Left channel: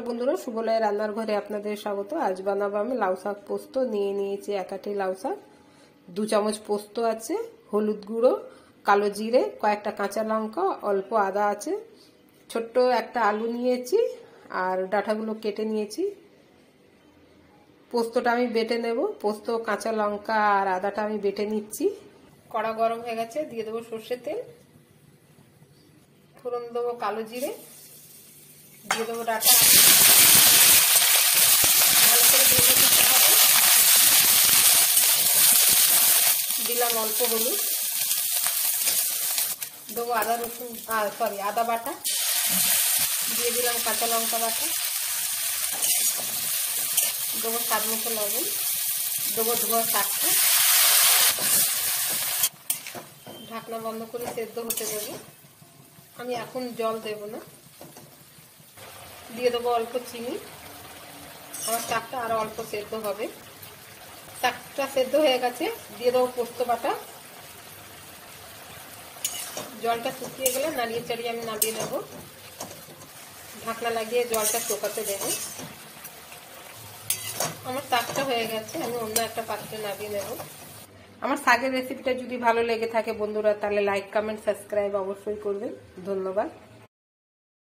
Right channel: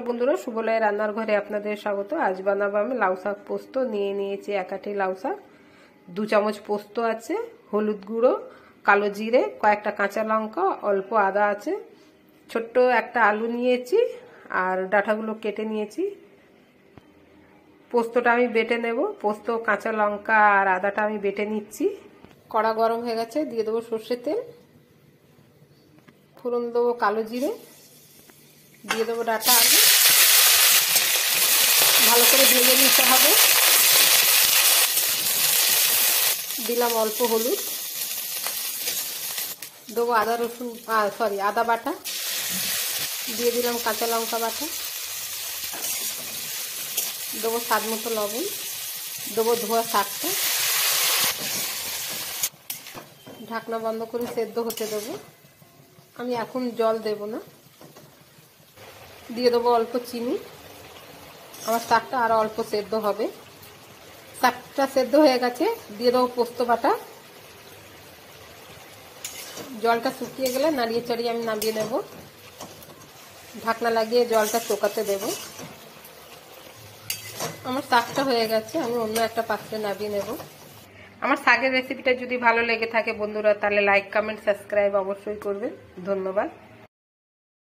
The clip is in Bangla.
নমস্কার বন্ধুরা, শুভলয় রান্নার ঘরে আপনাদের স্বাগত। আজ বানাবো আমি লাউ শাক পোস্ত। নিয়ে নিয়েছি এক আঁটি লাউ শাক, 2 চামচ পোস্ত আছে, হলুদ গুঁড়ো, কালো জিরে, কয়েকটা কাঁচা লঙ্কা, অল্প আদা আছে, ছোট্ট একটা আলু নিয়েছি আর ডাঁটাগুলো কেটে নিয়েছি। পোস্তটা আমি বেটে নেব। পোস্ত, কাঁচা লঙ্কা আর আদাটা আমি বেটে নিচ্ছি। কড়া গরম হয়ে গেছে, দিয়ে দেবো সর্ষের তেল, ফোড়ন দেবো কালো জিরে, দিয়ে দেবো ডাঁটা আলু, ভালো করে ভেজে নিতে হবে। দিলাম অল্প হলুদ, দেবো আদা বাটা, দিয়ে দিলাম কাঁচা লঙ্কা বাটা, দেবো স্বাদ মতো লবণ, দেবো ধোয়া শাকটা, ঢাকনা বন্ধ করে সেদ্ধ হতে দেবো। আমি এখন জল দেব না, দিয়ে দেবো অল্প চিনি। আমার শাকটা আরো অল্প সেদ্ধ হবে। শাকটা সেদ্ধ হয়ে গেছে, দিয়ে দেবো পোস্ত বাটা। জলটা শুকিয়ে গেলে নাড়িয়ে চাড়িয়ে আমি নামিয়ে নেব। ঢাকনা লাগিয়ে জলটা শুকাতে দেব। আমার শাকটা হয়ে গেছে, আমি অন্য একটা পাত্রে নামিয়ে নেব। আমার শাকের রেসিপিটা যদি ভালো লেগে থাকে বন্ধুরা, তাহলে লাইক, কমেন্ট, সাবস্ক্রাইব অবশ্যই করবেন। ধন্যবাদ।